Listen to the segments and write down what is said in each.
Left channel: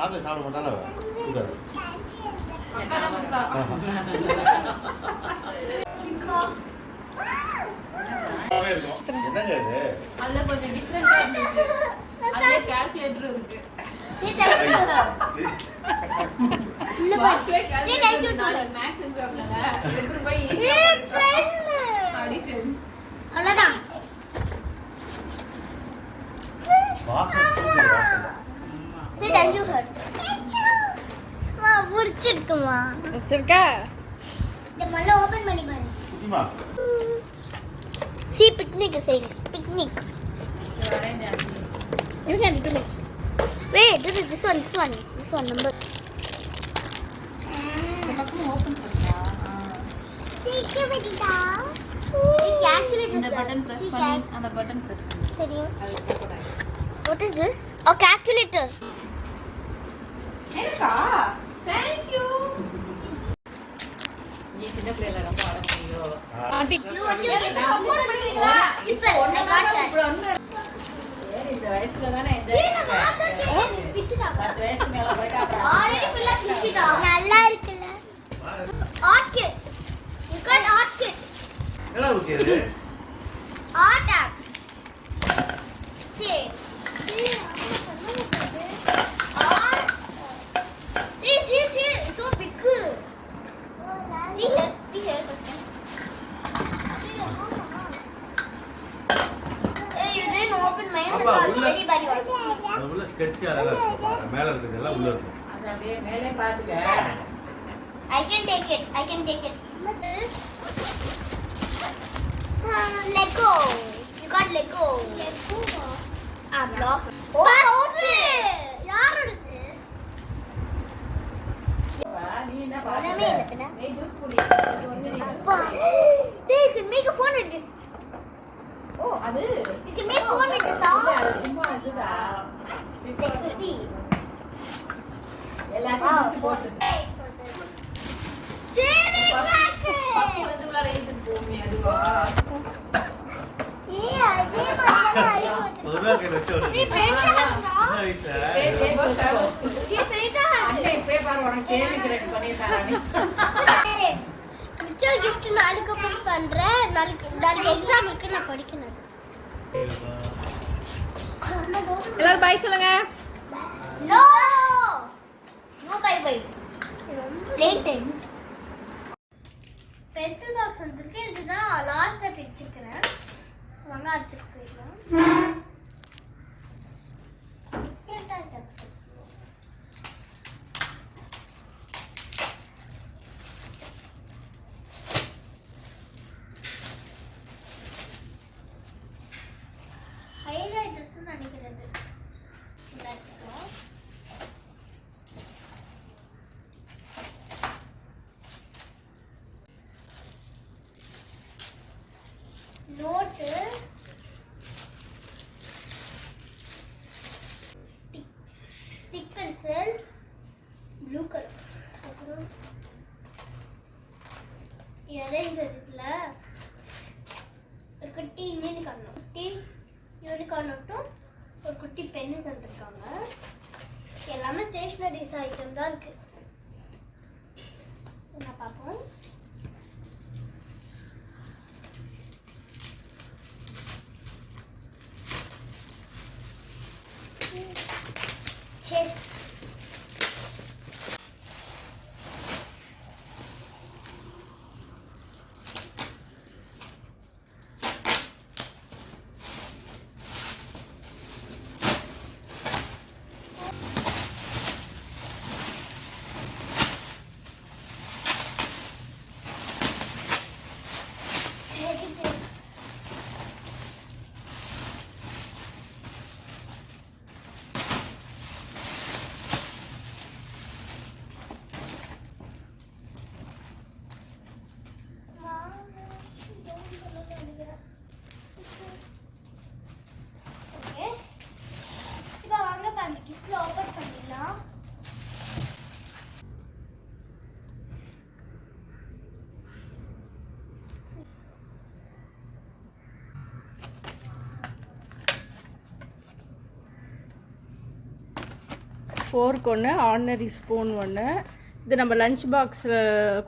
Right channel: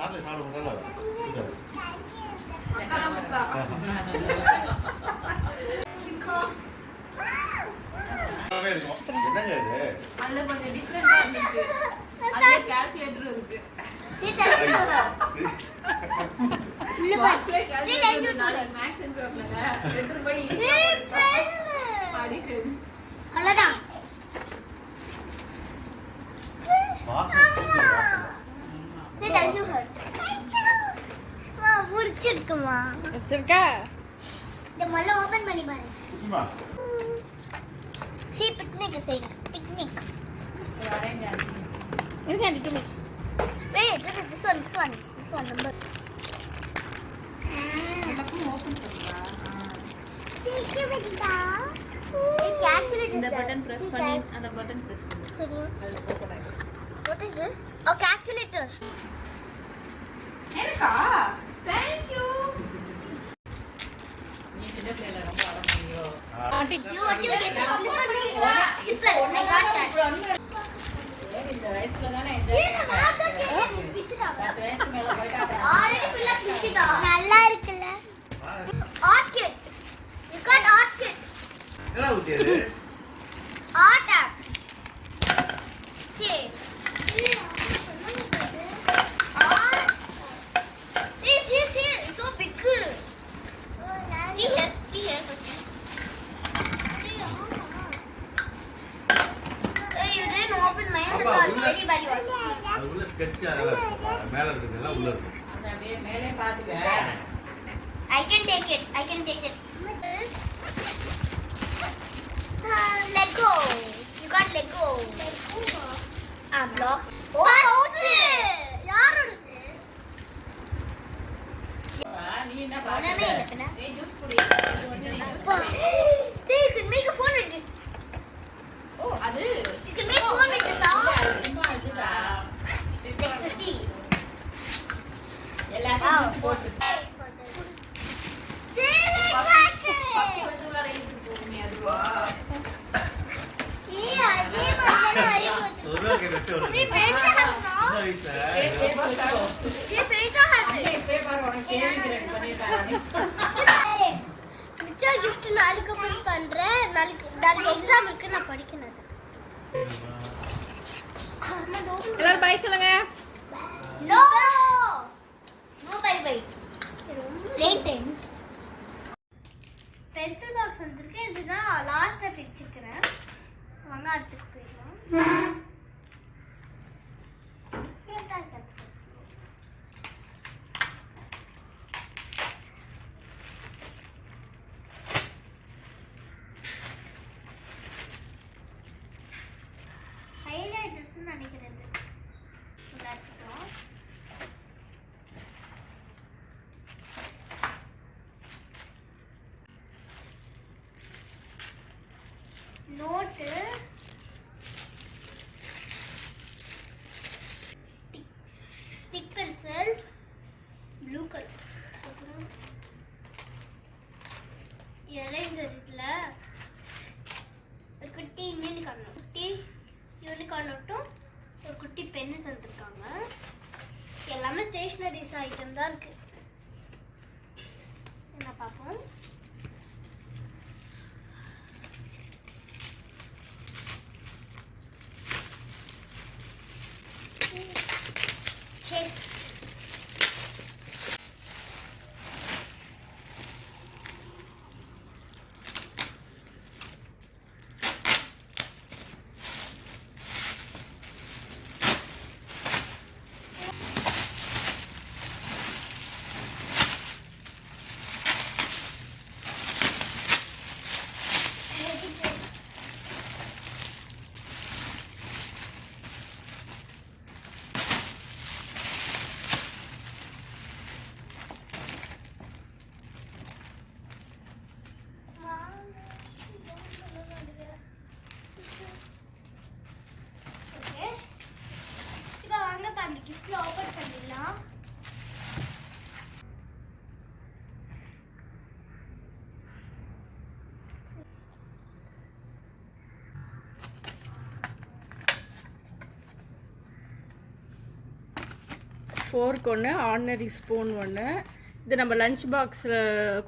சாப்பிட சாப்பிட மாட்டால என்னங்க இது அதுல கொஞ்சம் டிஃபரெண்டா இருந்துச்சு. அதுல கால்குலேட்டர் இருக்கு. இல்ல பாஸ்ல கால்குலேட்டர் நாளைக்கு மேக்ஸ் எக்ஸாம்லங்க 2 ரூபாய் அடிஷன் அவ்வளவுதான். சரி थैंक यू வா புடிச்சிருக்குமா வச்சிருக்கா இந்த மல்ல ஓபன் பண்ணி பாரு சும்மா C picnic saying picnic you can do this wait this one number பக்கம் ஓபன் பண்ணியா சீக்கிரம் வெடிடா இந்த பட்டன் பிரஸ் பண்ணி அந்த பட்டன் பிரஸ் பண்ணு சரியா அது ஓபன் ஆயிடும் what is this a calculator எனக்கா thank you நீ சின்ன பிள்ளைல ரொம்ப அழகாயியோ aunty you what you get support பண்ணீங்களா super I got that இந்த வயசுல தானே என்ஜாய் பிச்சுடா 10 வயசு மேல போய்ட்டா already full of பிச்சுடா நல்லா இருக்குல art kit you got art kit என்ன ஊத்தியது art apps see see so big see here hey you didn't open my eyes and already body அது உள்ள ஸ்கெட்ச் அழகா இருக்கு மேல இருக்குதெல்லாம் உள்ள இருக்கு அத அப்படியே மேலே பாத்துக்க I can take it Lego you got Lego blocks oh யாரோடது நீ என்ன ஒண்ணுமே இல்ல பாக்குற பின்ன. ஏய் ஜூஸ் குடி Hey, you can make a phone with this. ஓ அது You can make phone with this. அது சும்மா வச்சுடா Let's see. எல்லாத்தையும் போட்டு Saving packet. இதுல ரைட்டுக்கு போகுமே அதுவா ஏய் அதே மாதிரி நிறைய போச்சு. ஒரு ரூபாய்க்கு வச்சு ஒரு நீ பெருசா இருக்கா? நைஸ் ஏய் பேப்பர் நீ பெருசா அண்ணே பேப்பர் உனக்கு கேள்வி ரெடி பண்ணி தரேன் மிச்சம் gift நாளைக்கு அப்புறம் பண்றேன். நாளைக்கு எக்ஸாம் இருக்கு நான் படிக்கணும். எல்லாரும் பை சொல்லுங்க No. No bye bye. Late time. Pencil box வந்திருக்கு இதுதான் லாஸ்டா பிரிச்சிருக்கேன் வாங்க அடுத்து போயிடலாம் ஹைலைட்டர்ஸ் நினைக்கிறது வச்சுக்கலாம் நோட்டு டிக் பென்சில் ப்ளூ கலர் அப்புறம் எரேசர் இதில் ஒரு குட்டி யூனிகார்ன் நோட்டும் ஒரு குட்டி பென்னு தந்துருக்காங்க எல்லாமே ஸ்டேஷ்னரிஸ் ஐட்டம் தான் இருக்கு என்ன பார்ப்போம் செஸ் ஃபோர்க் ஒன்று, ஆர்டினரி ஸ்பூன் ஒன்று. இது நம்ம லஞ்ச் பாக்ஸில்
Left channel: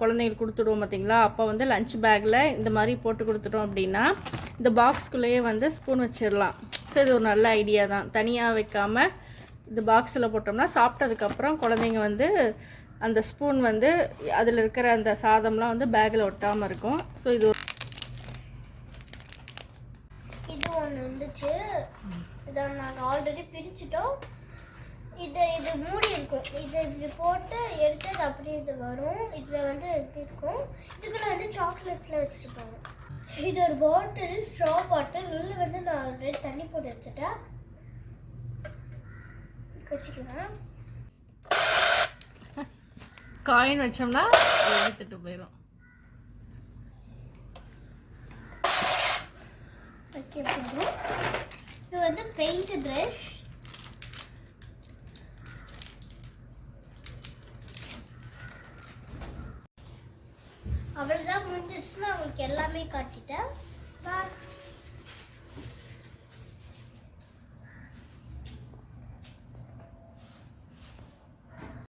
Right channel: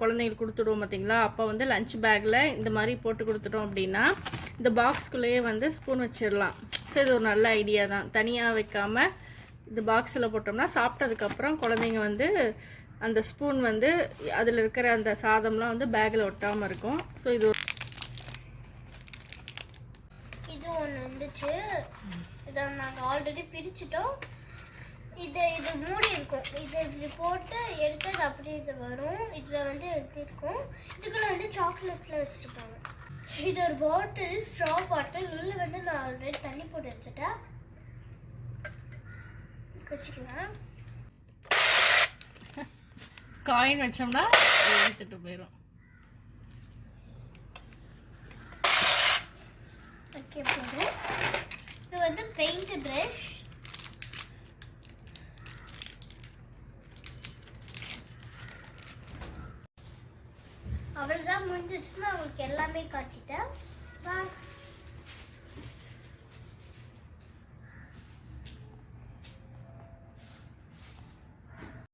குழந்தைங்களுக்கு கொடுத்துடுவோம் பார்த்தீங்களா, அப்போ வந்து லஞ்ச் பேக்கில் இந்த மாதிரி போட்டு கொடுத்துட்டோம் அப்படின்னா இந்த பாக்ஸ்குள்ளேயே வந்து ஸ்பூன் வச்சிடலாம். ஸோ இது ஒரு நல்ல ஐடியா தான். தனியாக வைக்காமல் இந்த பாக்ஸில் போட்டோம்னா சாப்பிட்டதுக்கப்புறம் குழந்தைங்க வந்து அந்த ஸ்பூன் வந்து அதில் இருக்கிற அந்த சாதம்லாம் வந்து பேக்கில் ஒட்டாமல் இருக்கும். ஸோ இது ஒன்று வந்துச்சு. இதை நாங்கள் ஆல்ரெடி பிரிச்சுட்டோம். இது மூடி இருக்கும். இதை இப்படி போட்டு எடுத்து அது அப்படியே இது வரும். இதில் வந்து இது இருக்கும். இதுக்குள்ள வந்து சாக்லேட்ஸ்லாம் வச்சுருப்பாங்க. இது ஒரு பாட்டில், ஸ்ட்ரா பாட்டில். உள்ள வந்து நான் ஆல்ரெடி தண்ணி போட்டு வச்சுட்டேன். வச்சுக்கலாம். காயின் வச்சோம்னா எடுத்துட்டு போயிடும். ஓகே, போதும். இது வந்து பெயிண்ட் ப்ரஷ். அவ்வளோதான், முடிஞ்சிச்சுன்னா உங்களுக்கு எல்லாமே காட்டிட்டேன்.